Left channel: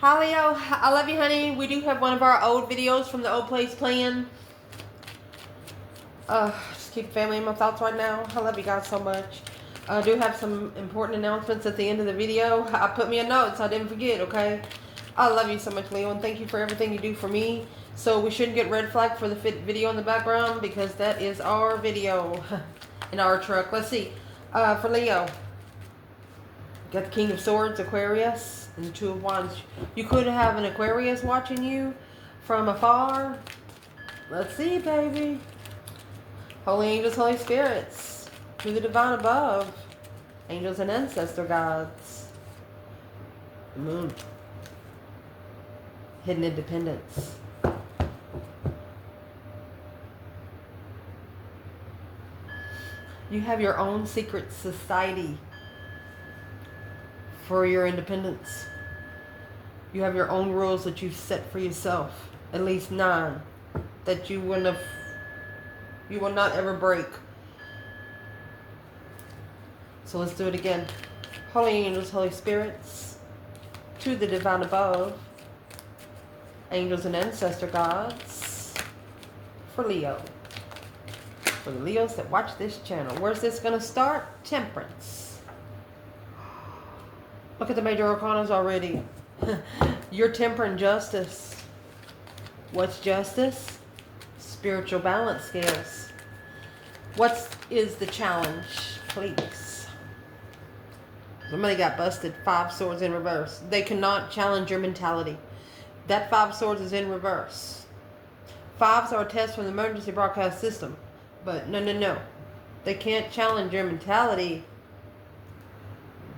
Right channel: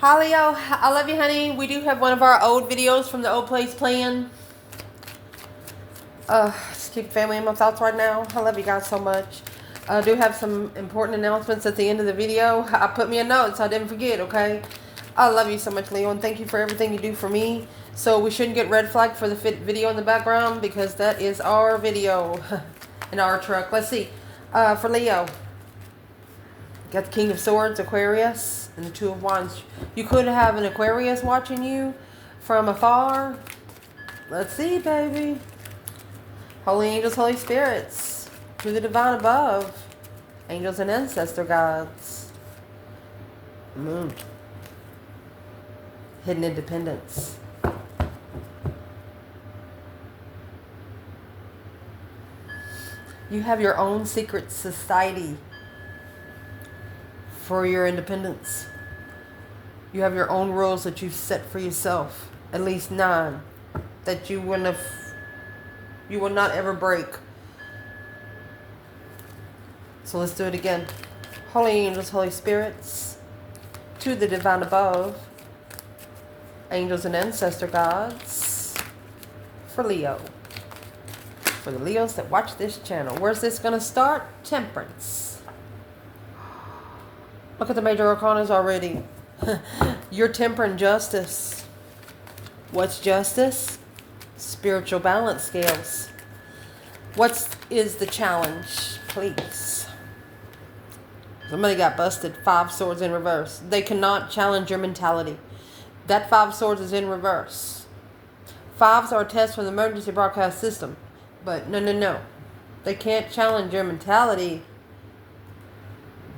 Hi Leo, I love you honey. We do have one of our old videos from the old place playing. Just keep family in my thoughts right now. I love you guys so much. I do have some important announcements at the end of the video. I put me a note so I didn't forget, okay? I love you so much, Leo, and thank you for everything you do for me. So we shouldn't get red flagged for the video in the background because that is our video in our truck. Let's see. For Leo, got the King of Swords, Aquarius, and the Two of Wands. You could have an Aquarius watching you from afar. Let's see, baby. Holy angels, Holy spirits, to the divine above, angels and ancestor gods. The moon. Hidden independence. You have your own secret society for your independence. You have your own rules that you set for yourself, at least 9, that you will not ever break. So let's do it again. Holy angels, Holy spirits, to the divine above, angels and ancestor gods, for Leo. For the Leos that watch this channel. Where's this going to start? Temperance. Look at the major arcanas already. Your temper and justice. What's justice? Spiritual balance scales. What is the challenge, please? Somebody got busted. 5 swords in reverse. They cannot challenge your mentality. That 5 swords is in reverse. 5s are a test from the emergency broadcast system. But no. They can't challenge your mentality.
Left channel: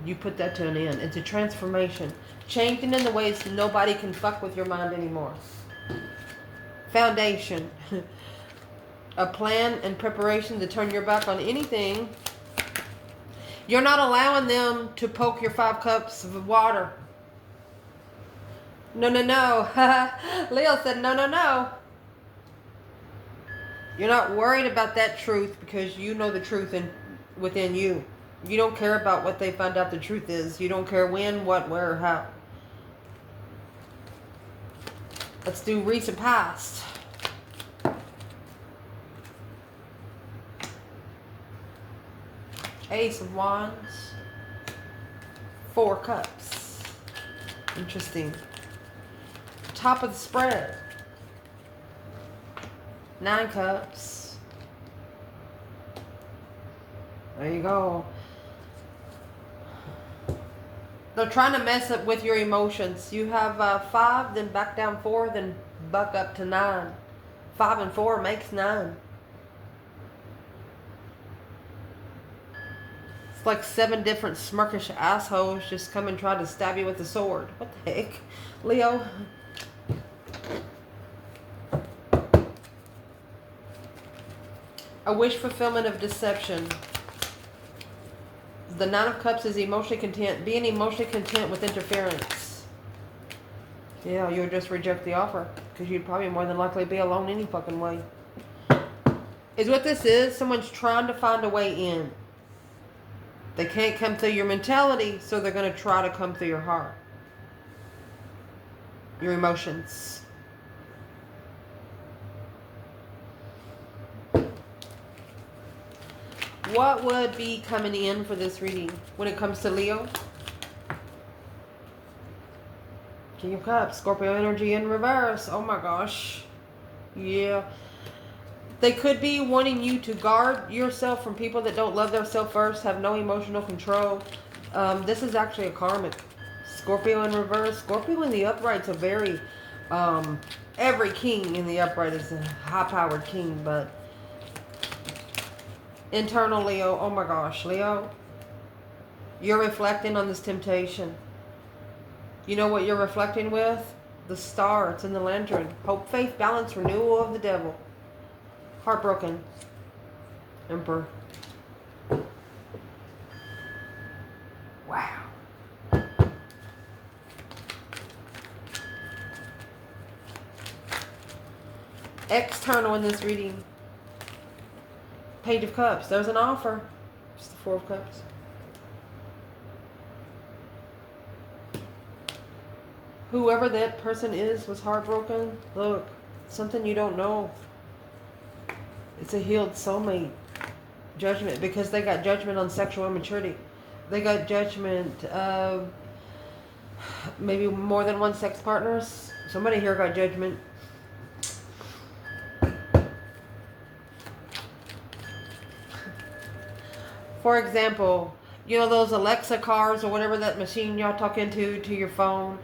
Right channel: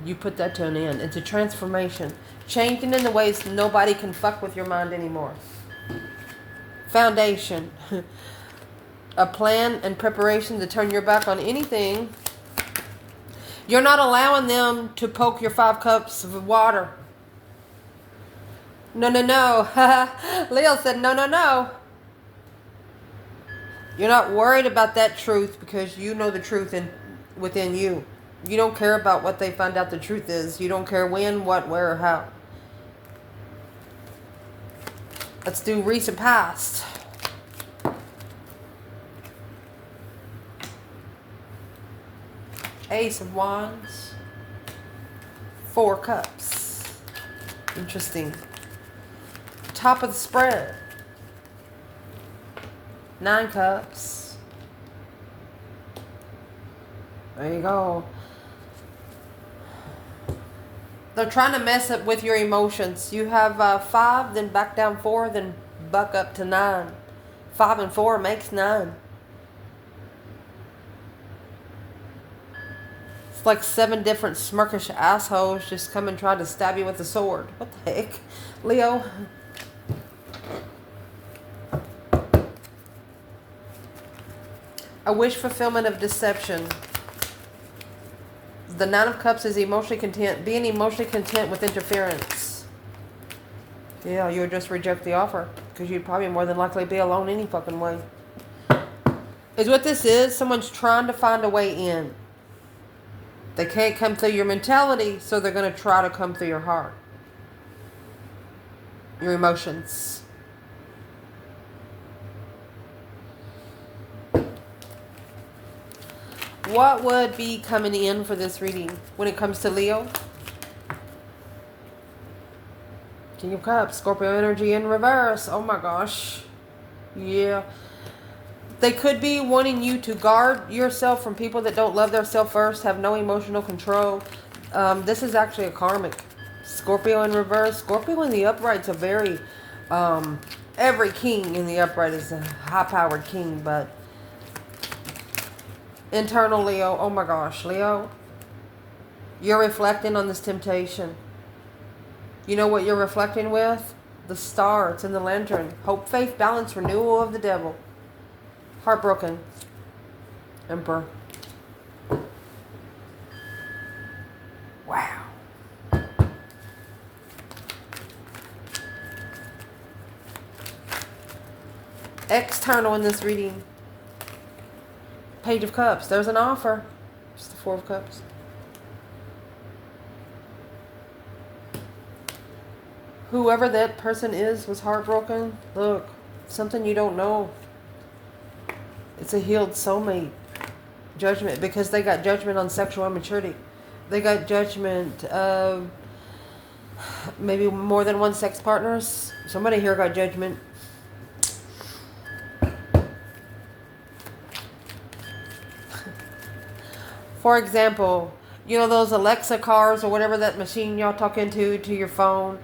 You put that to an end. It's a transformation. Changing in the ways nobody can fuck with your mind anymore. Foundation. A plan and preparation to turn your back on anything. You're not allowing them to poke your 5 cups of water. No. Leo said no. You're not worried about that truth because you know the truth within you. You don't care about what they find out the truth is. You don't care when, what, where, or how. Let's do recent past. Ace of Wands. 4 cups. Interesting. Top of the spread. 9 cups. There you go. They're trying to mess up with your emotions. You have 5, then back down 4, then buck up to 9. 5 and 4 makes 9. It's like 7 different smirkish assholes just come and try to stab you with a sword. What the heck? Leo. A wish fulfillment of deception. The 9 of Cups is emotionally content. Being emotionally content with interference. Yeah, you would just reject the offer. Because you'd probably more than likely be alone any fucking way. Is what this is. Someone's trying to find a way in. They can't come through your mentality, so they're going to try to come through your heart. Your emotions. What would be coming in for this reading when it comes to Leo? King of Cups, Scorpio energy in reverse. Oh my gosh. Yeah. They could be wanting you to guard yourself from people that don't love themselves first, have no emotional control. This is actually a karmic. Scorpio in reverse. Scorpio in the upright's a very... every king in the upright is a high-powered king, but... Internal Leo, oh my gosh, Leo, you're reflecting on this temptation. You know what you're reflecting with? The star, it's in the lantern. Hope, faith, balance, renewal of the devil. Heartbroken. Emperor. Wow. External in this reading. Page of Cups. There's an offer. It's the 4 of Cups. Whoever that person is was heartbroken. Look, something you don't know. It's a healed soulmate. Judgment, because they got judgment on sexual immaturity. They got judgment of maybe more than one sex partners. Somebody here got judgment. For example, you know those Alexa cars or whatever that machine y'all talk into to your phone.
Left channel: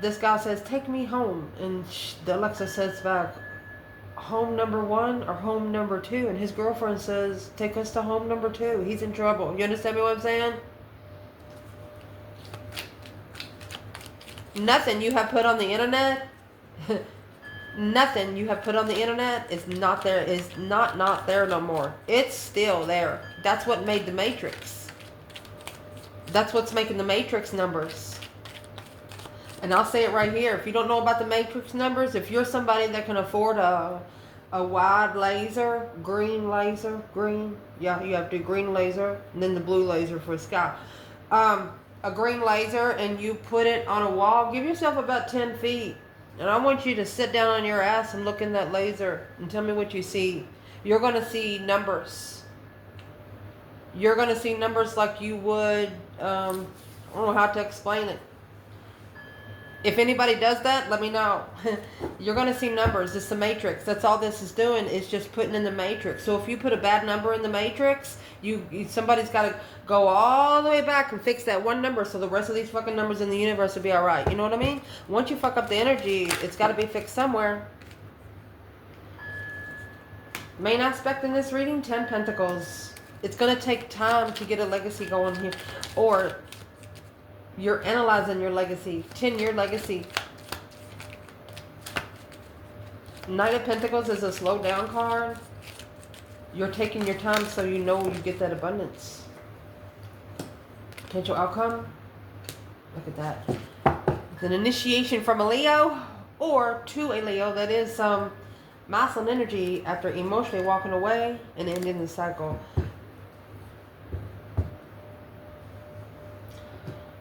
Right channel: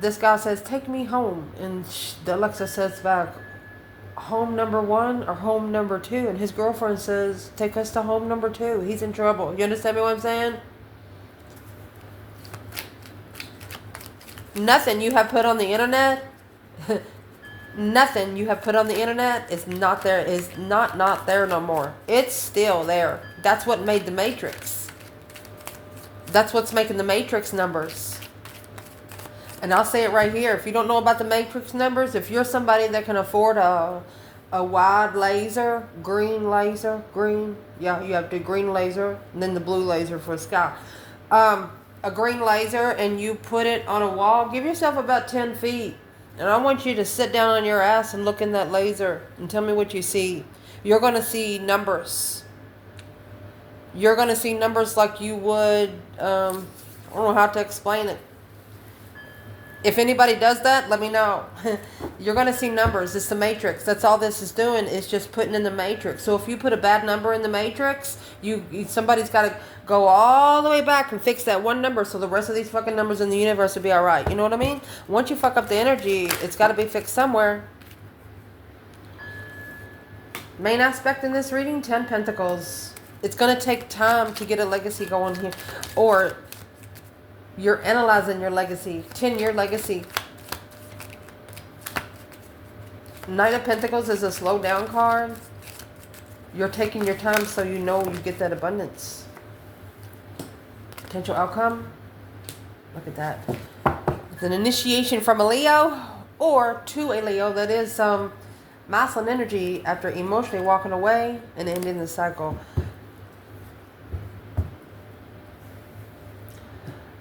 This guy says, "Take me home," and the Alexa says back, "Home number 1 or home number 2?" And his girlfriend says, "Take us to home number 2. He's in trouble." You understand me what I'm saying? Nothing you have put on the internet, nothing you have put on the internet is not there. Is not there no more. It's still there. That's what made the Matrix. That's what's making the Matrix numbers. And I'll say it right here. If you don't know about the Matrix numbers, if you're somebody that can afford a wide laser, green, yeah, you have the green laser, and then the blue laser for sky. A green laser, and you put it on a wall, give yourself about 10 feet. And I want you to sit down on your ass and look in that laser and tell me what you see. You're going to see numbers. You're going to see numbers like you would, I don't know how to explain it. If anybody does that, let me know. You're going to see numbers. It's the Matrix. That's all this is doing, is just putting in the Matrix. So if you put a bad number in the Matrix, somebody's got to go all the way back and fix that one number so the rest of these fucking numbers in the universe will be all right. You know what I mean? Once you fuck up the energy, it's got to be fixed somewhere. Main aspect in this reading, 10 Pentacles. It's going to take time to get a legacy going here. Or you're analyzing your legacy. 10-year legacy. Knight of Pentacles is a slow down card. You're taking your time so you know you get that abundance. Potential outcome. Look at that. It's an initiation from a Leo or to a Leo that is masculine energy after emotionally walking away and ending the cycle.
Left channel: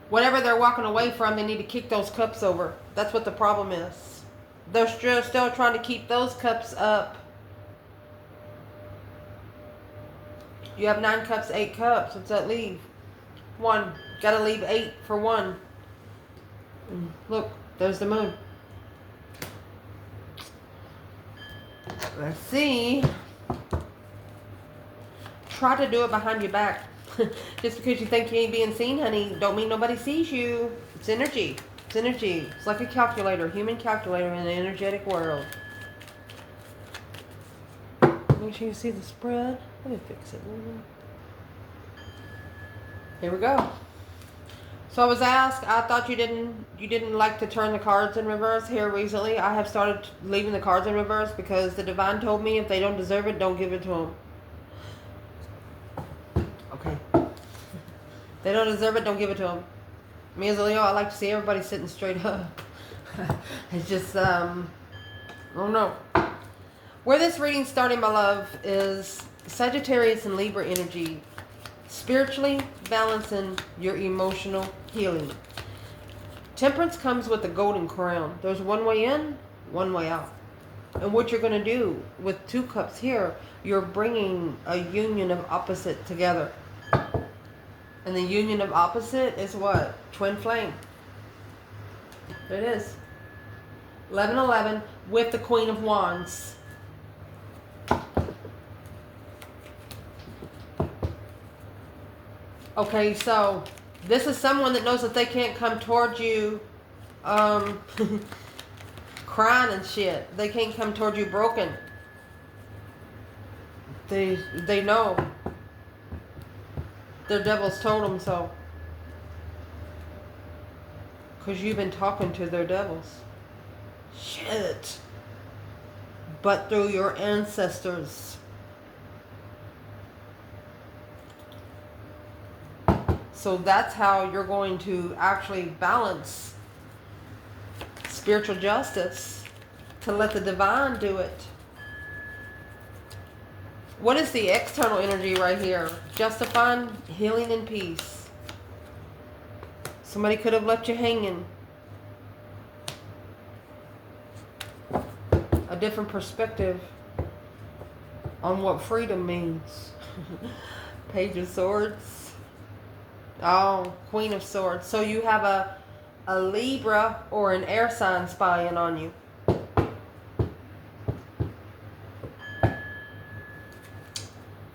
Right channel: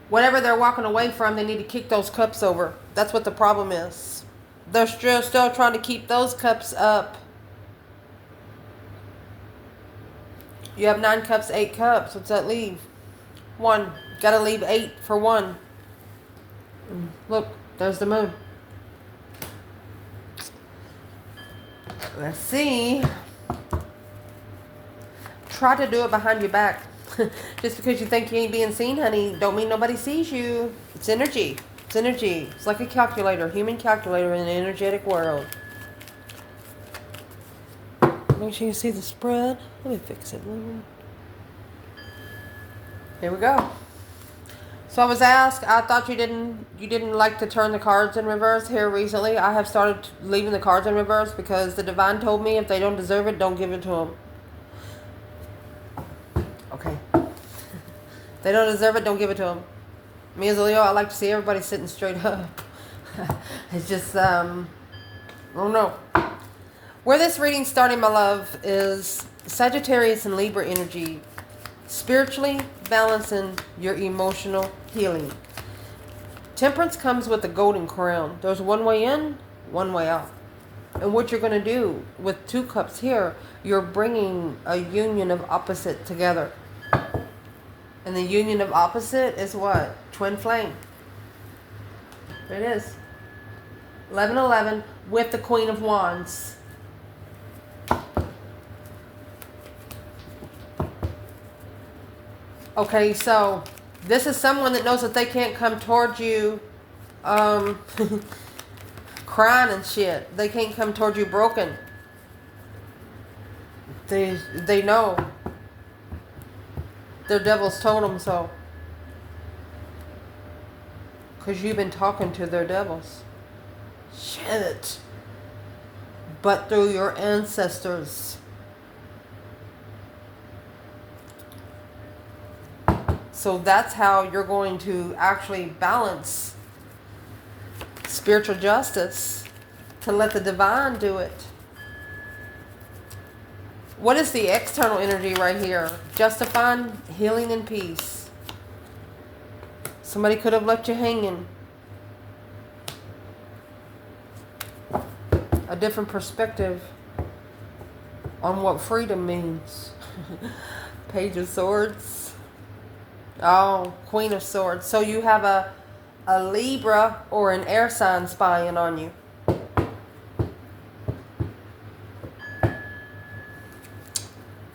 Whatever they're walking away from, they need to kick those cups over. That's what the problem is. They're still trying to keep those cups up. You have 9 cups, 8 cups. What's that leave? 1. Got to leave 8 for 1. Look, there's the moon. Let's see. Try to do it behind your back. Just because you think you ain't being seen, honey, don't mean nobody sees you. It's energy. It's energy. It's like a calculator, human calculator in an energetic world. Make sure you see the spread. Let me fix it. Here we go. So I was asked, I thought you didn't like to turn the cards in reverse. Here recently, I have started leaving the cards in reverse because the divine told me if they don't deserve it, don't give it to them. Okay. If they don't deserve it, don't give it to them. Me as a Leo, I like to see everybody sitting straight up. It's just, I don't know. Where this reading's starting, my love, is Sagittarius and Libra energy. Spiritually balancing your emotional healing. Temperance comes with a golden crown. There's one way in, one way out. And what you're going to do with 2 cups here, you're bringing a union of opposite together. And the union of opposite is what? Twin flame. There it is. 1111 with the Queen of Wands. Okay, so this is someone that knows that they can't come towards you crying and shit. They can't come towards you broken. They know. The devil's told them so. Because you've been talking to their devils. Shit. But through your ancestors. So that's how you're going to actually balance spiritual justice to let the divine do it. What is the external energy right here? Justifying, healing, and peace. Somebody could have left you hanging. a different perspective on what freedom means. Page of Swords. Oh, Queen of Swords. So you have a Libra or an air sign spying on you.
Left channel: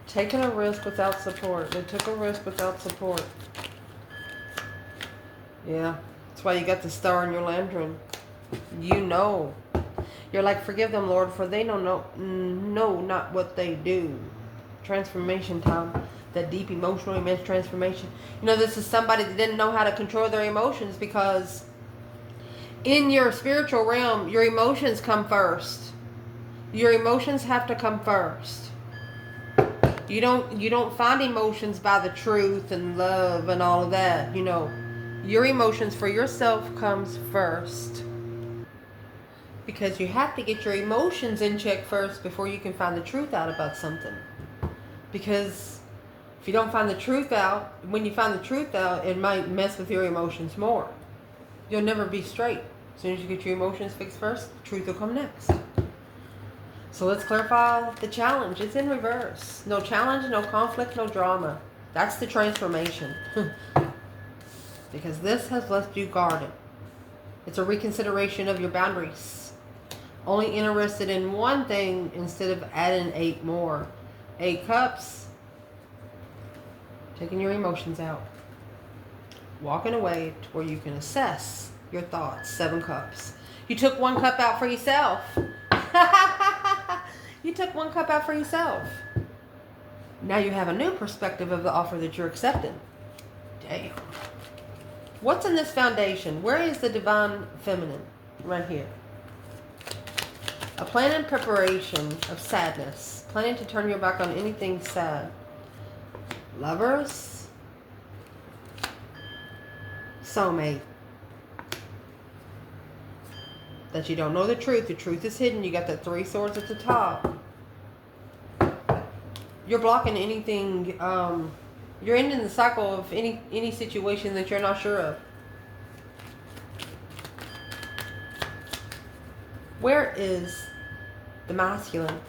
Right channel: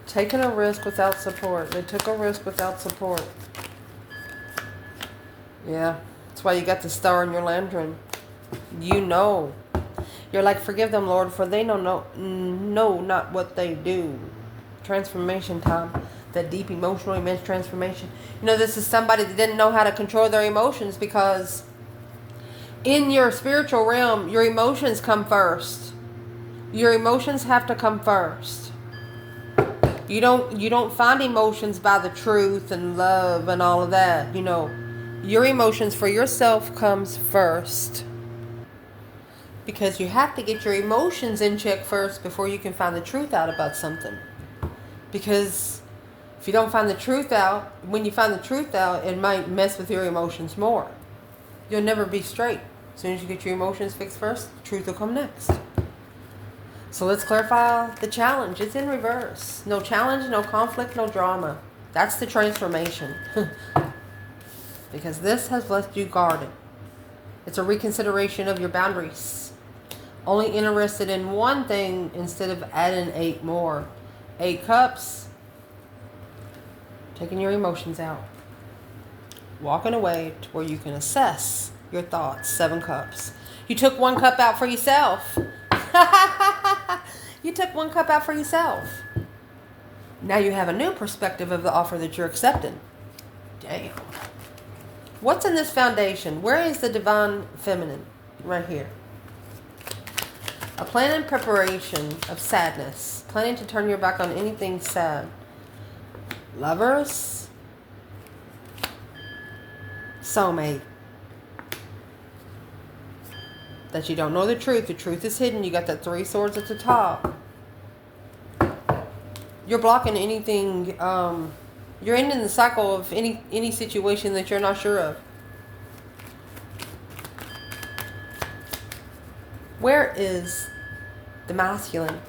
Taking a risk without support. They took a risk without support. Yeah. That's why you got the star in your lantern. You know. You're like, forgive them, Lord, for they know not what they do. Transformation time. That deep emotional immense transformation. You know, this is somebody that didn't know how to control their emotions, because in your spiritual realm, your emotions come first. Your emotions have to come first. You don't find emotions by the truth and love and all of that. You know, your emotions for yourself comes first. Because you have to get your emotions in check first before you can find the truth out about something. Because if you don't find the truth out, when you find the truth out, it might mess with your emotions more. You'll never be straight. As soon as you get your emotions fixed first, the truth will come next. So let's clarify the challenge. It's in reverse. No challenge, no conflict, no drama. That's the transformation. Because this has left you guarded. It's a reconsideration of your boundaries. Only interested in one thing instead of adding 8 more. 8 cups. Taking your emotions out. Walking away to where you can assess your thoughts. 7 cups. You took 1 cup out for yourself. You took 1 cup out for yourself. Now you have a new perspective of the offer that you're accepting. Damn. What's in this foundation? Where is the divine feminine? Right here. A plan and preparation of sadness. Planning to turn your back on anything sad. Lovers. Soulmate. That you don't know the truth. The truth is hidden. You got that 3 swords at the top. You're blocking anything. You're ending the cycle of any situation that you're not sure of. Where is the masculine?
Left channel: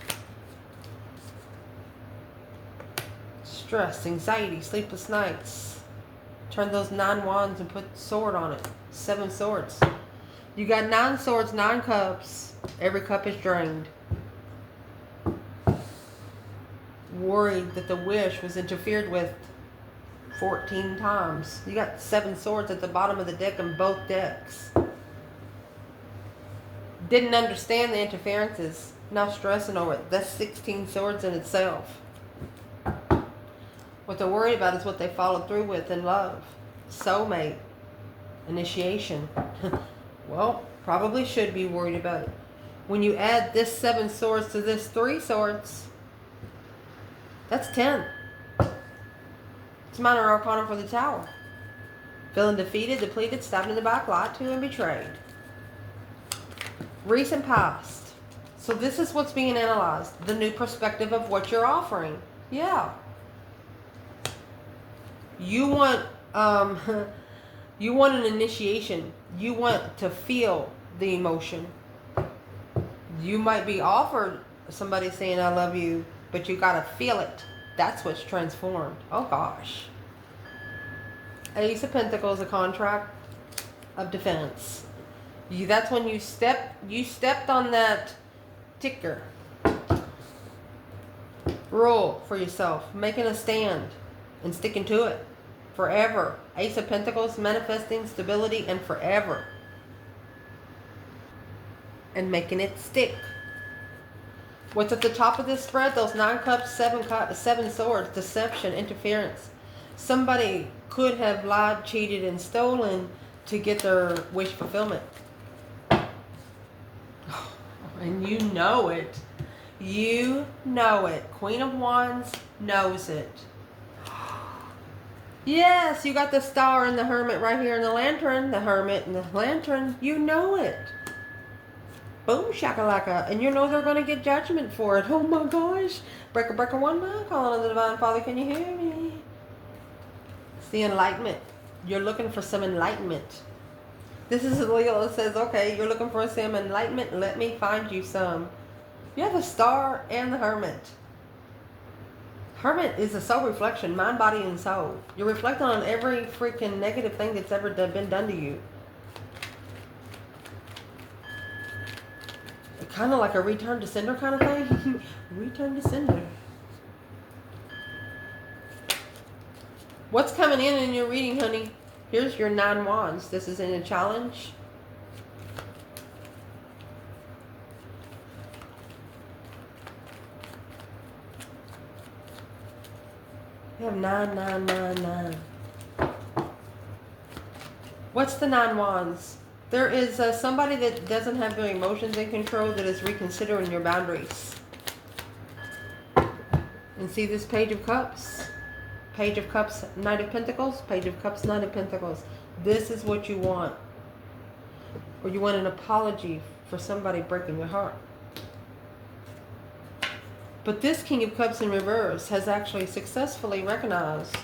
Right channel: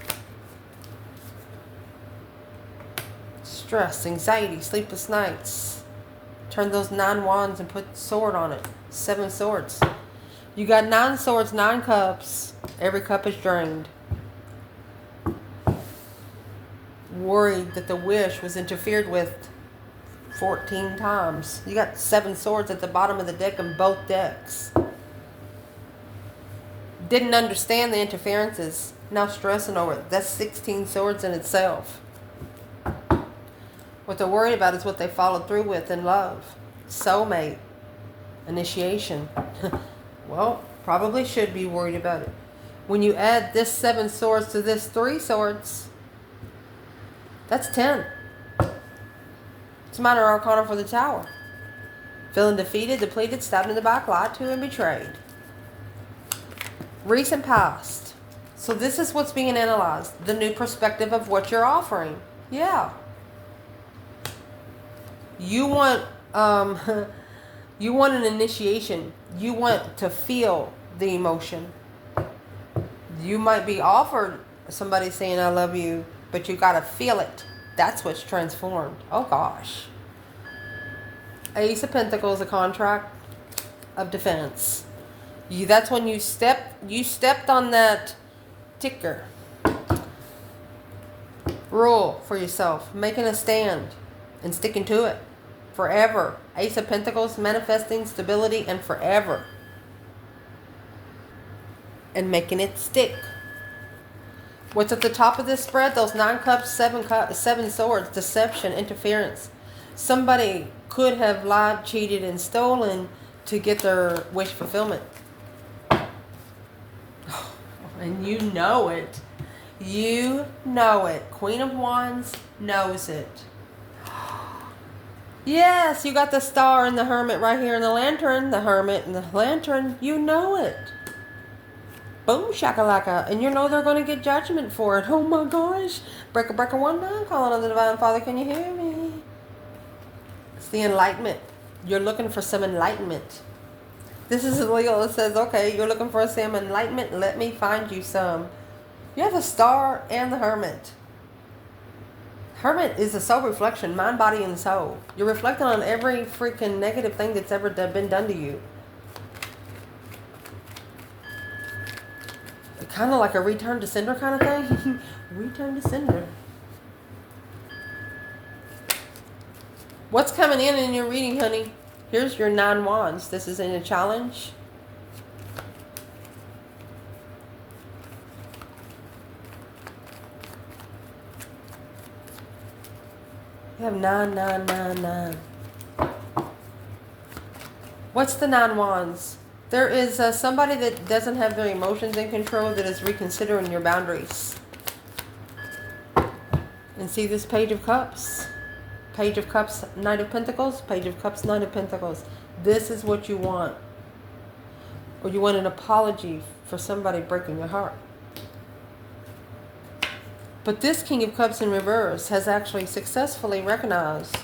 Stress, anxiety, sleepless nights. Turn those 9 wands and put sword on it. 7 swords. You got 9 swords, 9 cups. Every cup is drained. Worried that the wish was interfered with 14 times. You got 7 swords at the bottom of the deck in both decks. Didn't understand the interferences. Now stressing over it. That's 16 swords in itself. What they're worried about is what they followed through with in love. Soulmate. Initiation. Well, probably should be worried about it. When you add this 7 swords to this 3 swords, that's 10. It's a minor arcana for the Tower. Feeling defeated, depleted, stabbed in the back, lied to, and betrayed. Recent past. So this is what's being analyzed. The new perspective of what you're offering. Yeah. You want you want an initiation. You want to feel the emotion. You might be offered somebody saying I love you, but you gotta feel it. That's what's transformed. Oh gosh. Ace of Pentacles, a contract of defense. That's when you stepped on that ticker. Rule for yourself, making a stand and sticking to it forever. Ace of Pentacles, manifesting stability and forever. And making it stick. What's at the top of this spread? Those 9 cups, 7 swords, deception, interference. Somebody could have lied, cheated, and stolen to get their wish fulfillment. And you know it. You know it. Queen of Wands knows it. Yes, you got the star and the hermit right here in the lantern. The hermit and the lantern. You know it. Boom, shakalaka. And you know they're going to get judgment for it. Oh my gosh. Breaker, breaker, one man. Calling on the Divine Father. Can you hear me? It's the enlightenment. You're looking for some enlightenment. This is Leo. It says, okay, you're looking for some enlightenment. Let me find you some. You have the Star and the Hermit. Hermit is a soul reflection, mind, body, and soul. You're reflecting on every freaking negative thing that's ever been done to you. Kind of like a return to sender kind of thing. Return to sender. What's coming in your reading, honey? Here's your 9 wands. This is in a challenge. You have 9, 9, 9, 9. What's the 9 wands? There is somebody that doesn't have their emotions in control that is reconsidering your boundaries. And see this Page of Cups? Page of Cups, Knight of Pentacles. Page of Cups, Knight of Pentacles. This is what you want. Or you want an apology for somebody breaking your heart. But this King of Cups in reverse has actually successfully recognized,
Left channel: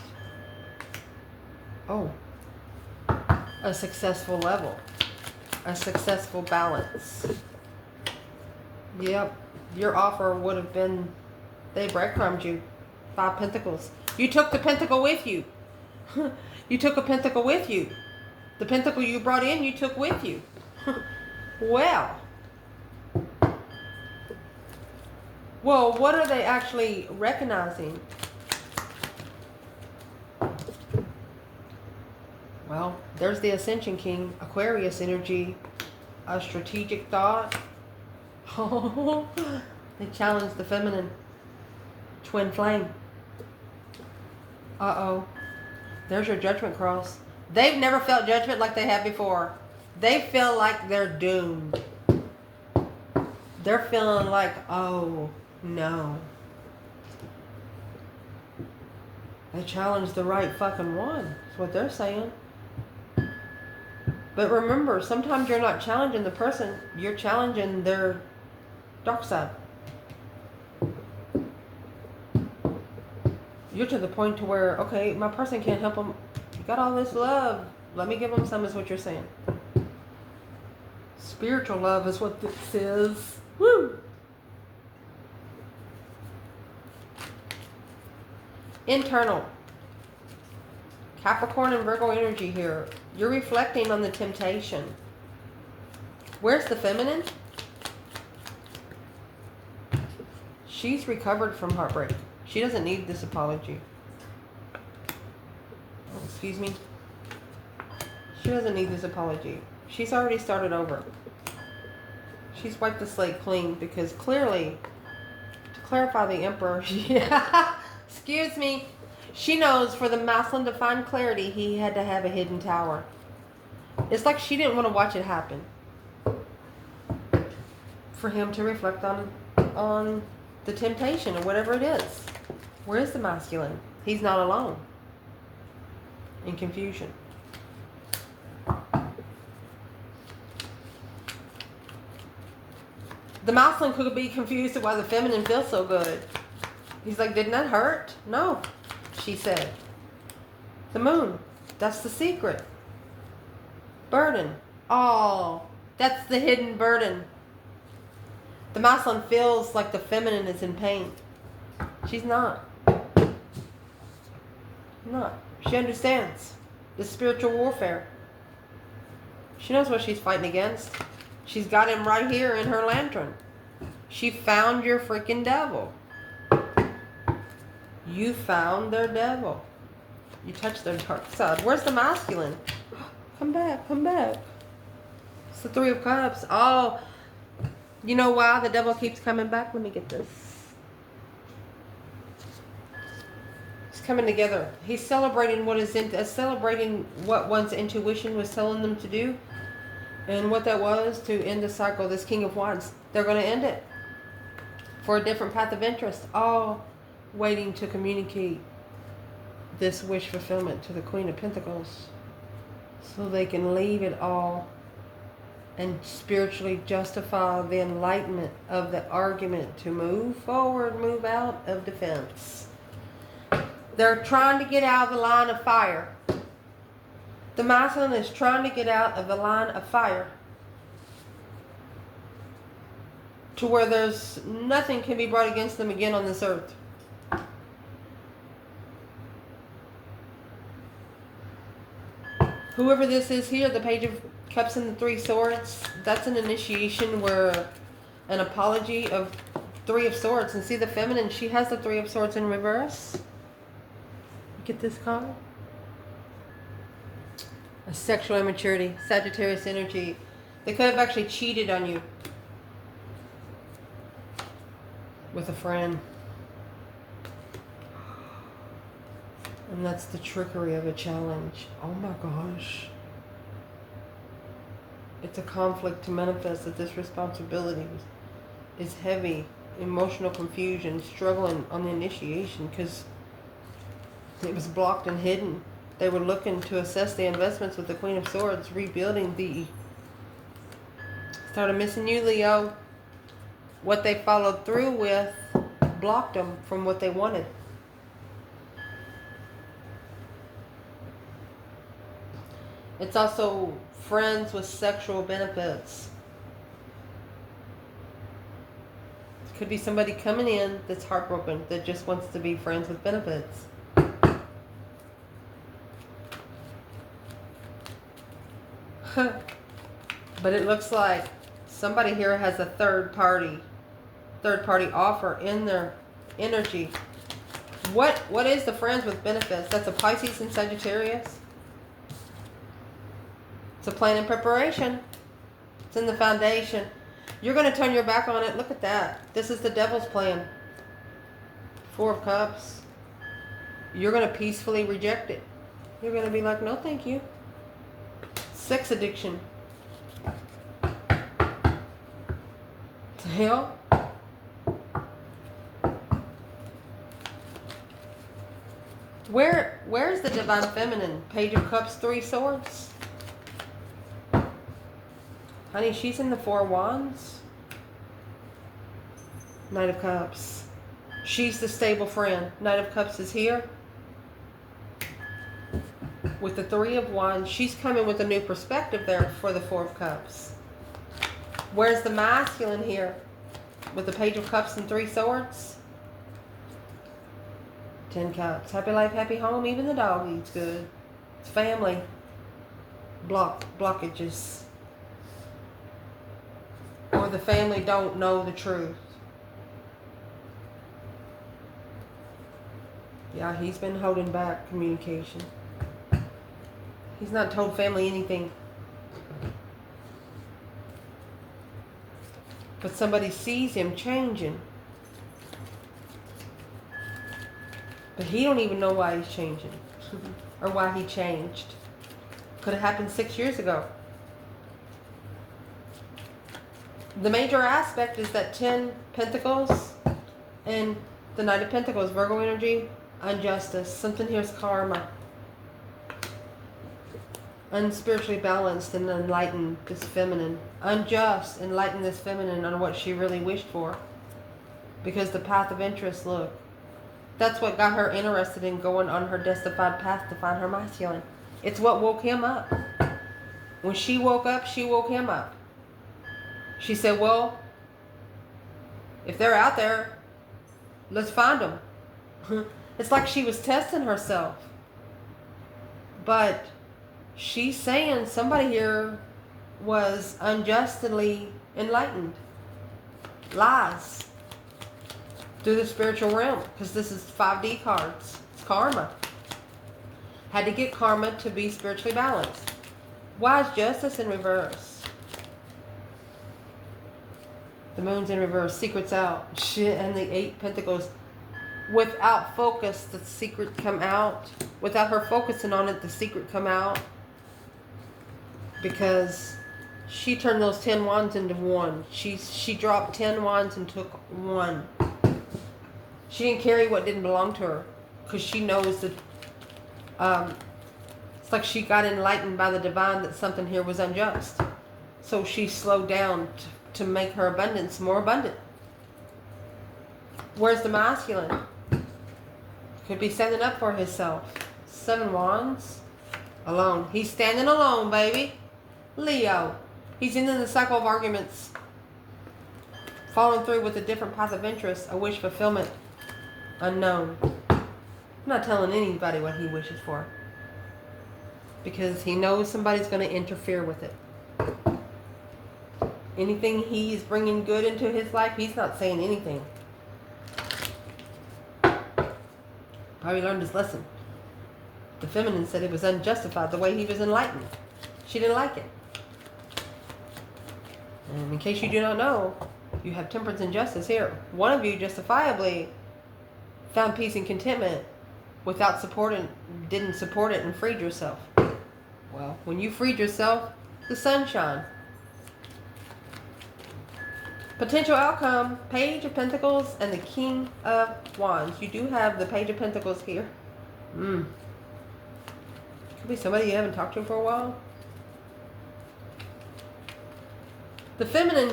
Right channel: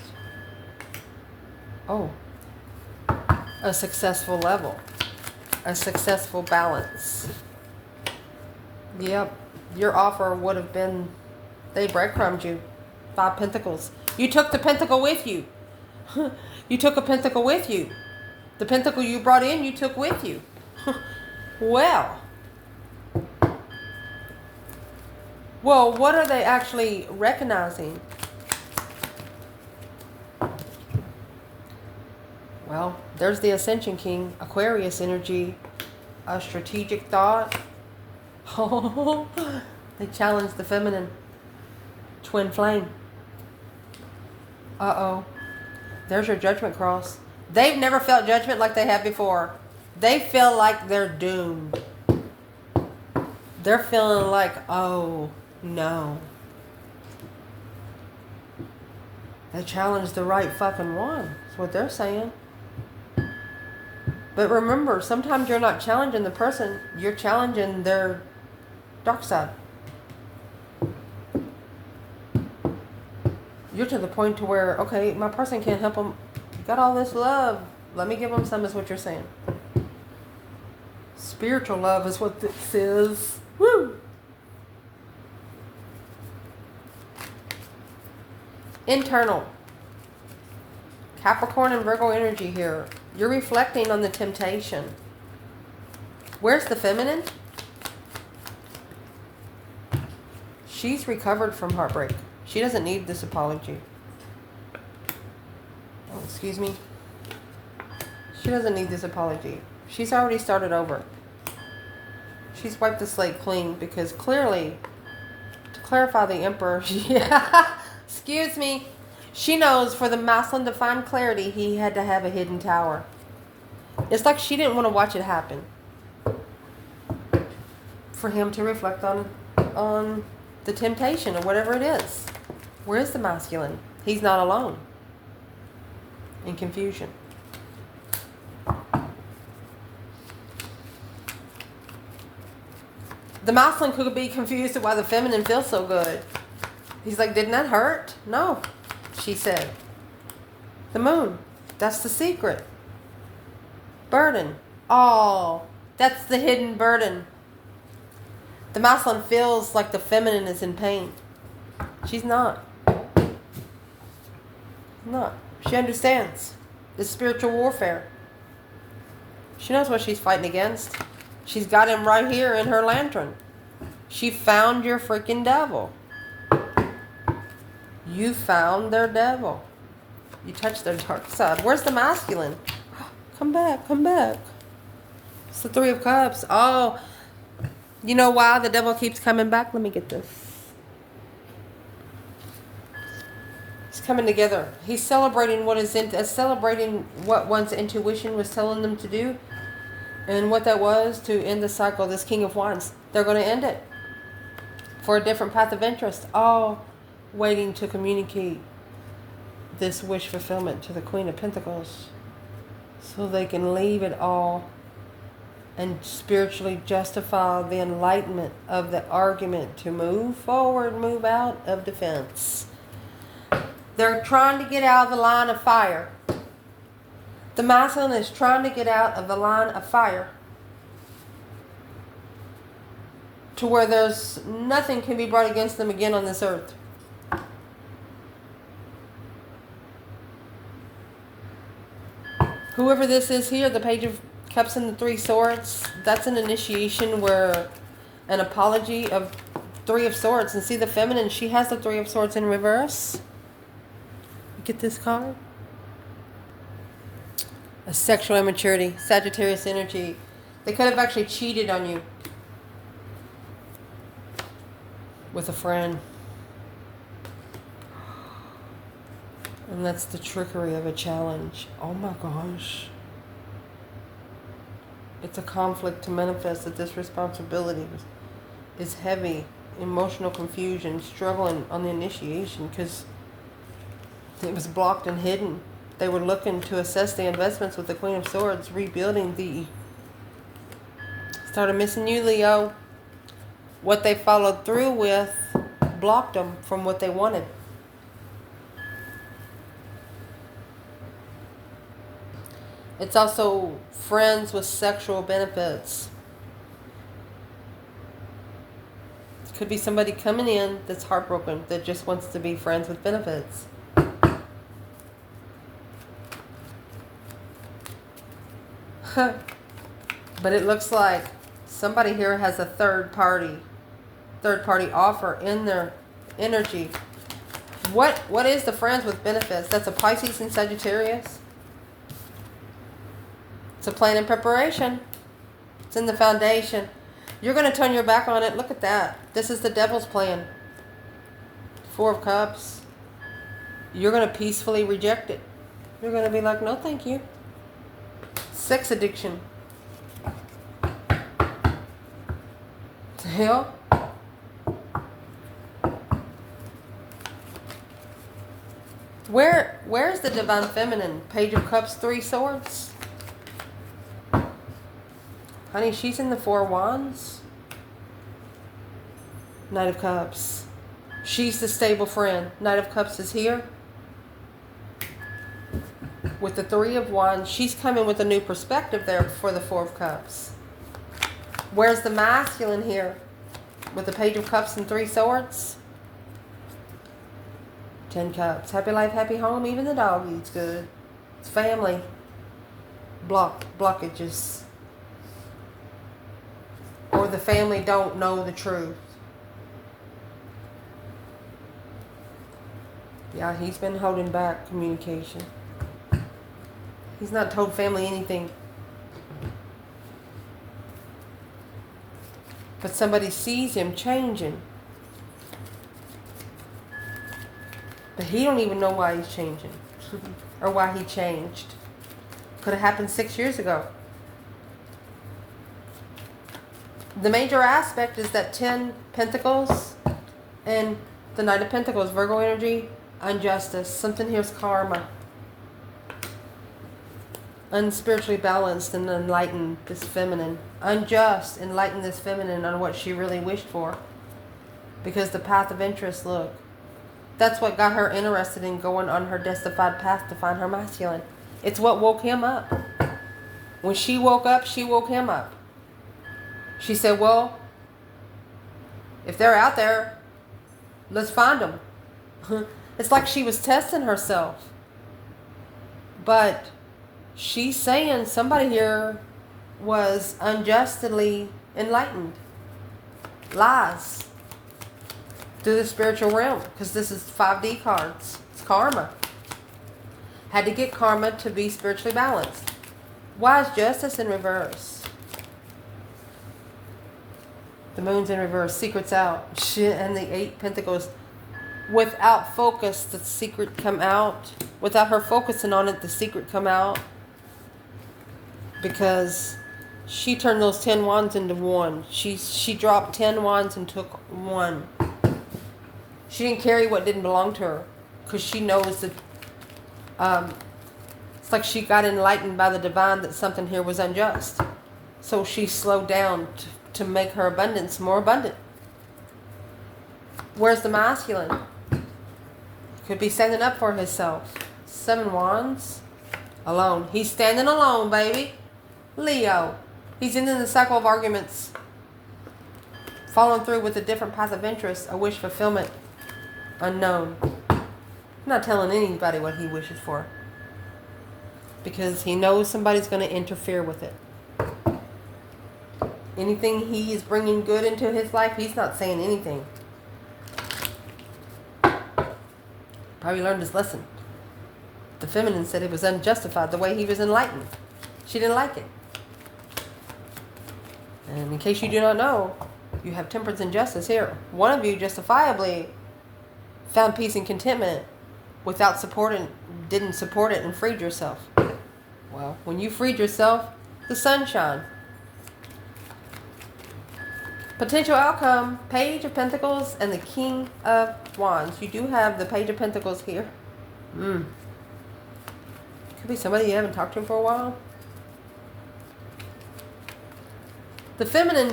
a successful level. A successful balance. Yep. Your offer would have been, they breadcrumbed you. 5 Pentacles. You took the pentacle with you. You took a pentacle with you. The pentacle you brought in, you took with you. Well, what are they actually recognizing? Well, there's the Ascension King, Aquarius energy, a strategic thought. Oh, they challenge the feminine. Twin flame. Uh-oh. There's your judgment cross. They've never felt judgment like they have before. They feel like they're doomed. They're feeling like, oh, no. They challenged the right fucking one. That's what they're saying. But remember, sometimes you're not challenging the person. You're challenging their dark side. You're to the point to where, okay, my person can't help them. You got all this love. Let me give them some, is what you're saying. Spiritual love is what this is. Woo! Internal. Capricorn and Virgo energy here. You're reflecting on the temptation. Where's the feminine? She's recovered from heartbreak. She doesn't need this apology. Oh, excuse me. She doesn't need this apology. She's already started over. She's wiped the slate clean because clearly, to clarify the Emperor, yeah, excuse me, she knows for the masculine to find clarity, he had to have a hidden tower. It's like she didn't want to watch it happen. For him to reflect on the temptation or whatever it is. Where is the masculine? He's not alone. In confusion. The masculine could be confused at why the feminine feels so good. He's like, didn't that hurt? No, she said. The moon. That's the secret. Burden. Oh, that's the hidden burden. The masculine feels like the feminine is in pain. She's not. No. She understands. It's spiritual warfare. She knows what she's fighting against. She's got him right here in her lantern. She found your freaking devil. You found their devil. You touched their dark side. Where's the masculine? Come back, come back. It's the 3 of Cups. Oh, you know why the devil keeps coming back? Let me get this. It's coming together. He's celebrating celebrating what one's intuition was telling them to do. And what that was to end the cycle. This King of Wands, they're going to end it for a different path of interest. All waiting to communicate this wish fulfillment to the Queen of Pentacles so they can leave it all and spiritually justify the enlightenment of the argument to move forward, move out of defense. They're trying to get out of the line of fire. The masculine is trying to get out of the line of fire to where there's nothing can be brought against them again on this earth. Whoever this is here, the Page of Cups and the Three Swords, that's an initiation where an apology of Three of Swords. And see the feminine, she has the Three of Swords in reverse. You get this card? A sexual immaturity, Sagittarius energy. They could have actually cheated on you with a friend. And that's the trickery of a challenge. Oh my gosh. It's a conflict to manifest that this responsibility is heavy. Emotional confusion, struggling on the initiation because it was blocked and hidden. They were looking to assess the investments with the Queen of Swords, rebuilding the... Started missing you, Leo. What they followed through with blocked them from what they wanted. It's also friends with sexual benefits. It could be somebody coming in that's heartbroken, that just wants to be friends with benefits. But it looks like somebody here has a third party offer in their energy. What is the friends with benefits? That's a Pisces and Sagittarius. It's a plan in preparation. It's in the foundation. You're going to turn your back on it. Look at that. This is the devil's plan. Four of Cups. You're going to peacefully reject it. You're going to be like, no, thank you. Sex addiction. To hell. Where is the divine feminine? Page of Cups, Three Swords. Honey, she's in the Four of Wands. Knight of Cups. She's the stable friend. Knight of Cups is here. With the Three of Wands, she's coming with a new perspective there for the Four of Cups. Where's the masculine here? With the Page of Cups and Three Swords. 10 Cups. Happy life, happy home. Even the dog eats good. It's family. Blockages. Or the family don't know the truth. Yeah, he's been holding back communication. He's not told family anything. But somebody sees him changing. But he don't even know why he's changing. Or why he changed. Could have happened 6 years ago. The major aspect is that 10 Pentacles and the Knight of Pentacles, Virgo energy, injustice. Something here is karma. Unspiritually balanced and enlightened, this feminine. Unjust, enlighten this feminine on what she really wished for. Because the path of interest, look. That's what got her interested in going on her justified path to find her masculine. It's what woke him up. When she woke up, she woke him up. She said, well, if they're out there, let's find them. It's like she was testing herself. But she's saying somebody here was unjustly enlightened. Lies. Through the spiritual realm. Because this is 5D cards. It's karma. Had to get karma to be spiritually balanced. Why is justice in reverse? The moon's in reverse. Secret's out. And the 8 Pentacles. Without focus, the secret come out. Without her focusing on it, the secret come out. Because she turned those 10 wands into 1. She dropped 10 wands and took 1. She didn't carry what didn't belong to her. Because she knows that... it's like she got enlightened by the divine that something here was unjust. So she slowed down to make her abundance more abundant. Where's the masculine? Could be standing up for himself. 7 wands. Alone. He's standing alone, baby. Leo. He's in the cycle of arguments. Following through with a different path of interest. A wish fulfillment. Unknown. I'm not telling anybody what he wishes for. Because he knows somebody's going to interfere with it. Anything he is bringing good into his life, he's not saying anything. Probably learned his lesson. The feminine said it was unjustified the way he was enlightened. She didn't like it. And in case you do not know, you have temperance and justice here. One of you justifiably found peace and contentment without supporting, didn't support it and freed yourself. Well, when you freed yourself, the sun shone. Potential outcome, Page of Pentacles and the King of Wands. You do have the Page of Pentacles here. Could be somebody you haven't talked to for a while. The feminine,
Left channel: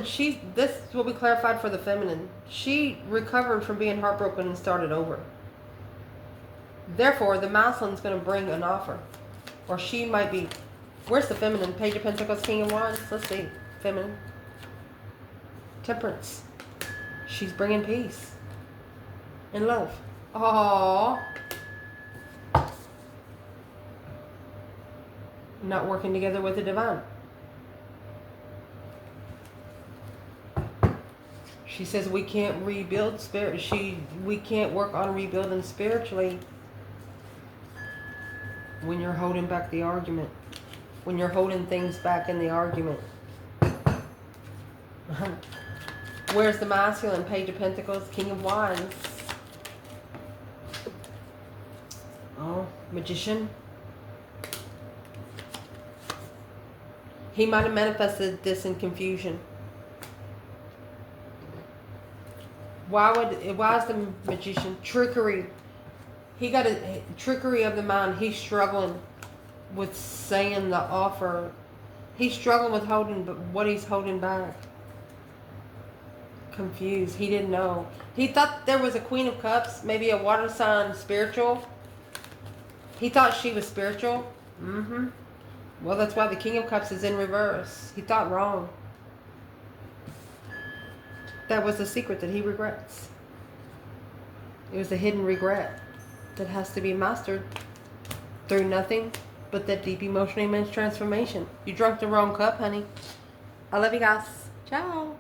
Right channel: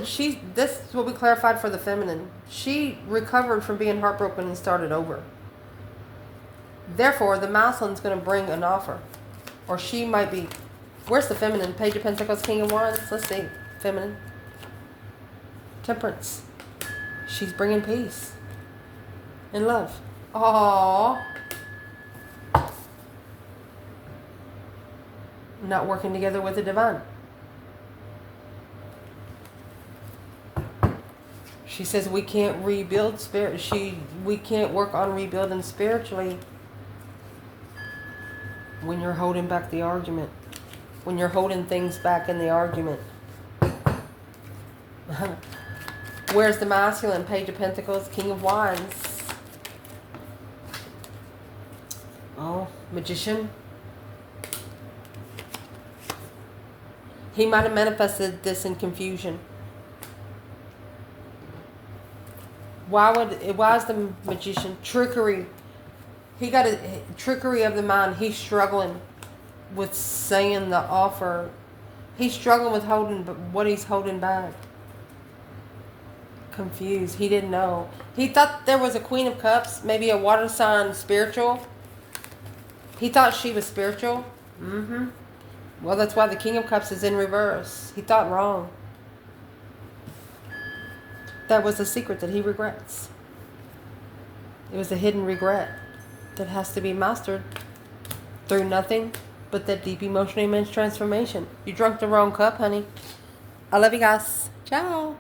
this is what we clarified for the feminine. She recovered from being heartbroken and started over. Therefore, the masculine's going to bring an offer. Or she might be... Where's the feminine? Page of Pentacles, King of Wands. Let's see. Feminine. Temperance. She's bringing peace and love. Aww. Not working together with the divine. She says we can't rebuild spirit. We can't work on rebuilding spiritually when you're holding back the argument. When you're holding things back in the argument. Where's the masculine? Page of Pentacles, King of Wands. Oh, Magician. He might have manifested this in confusion. Why is the Magician? Trickery. He got a trickery of the mind. He's struggling with saying the offer. He's struggling with holding what he's holding back. Confused. He didn't know. He thought there was a Queen of Cups, maybe a water sign spiritual. He thought she was spiritual. Well, that's why the King of Cups is in reverse. He thought wrong. That was a secret that he regrets. It was a hidden regret that has to be mastered through nothing but that deep emotional immense transformation. You drunk the wrong cup, honey. I love you guys. Ciao.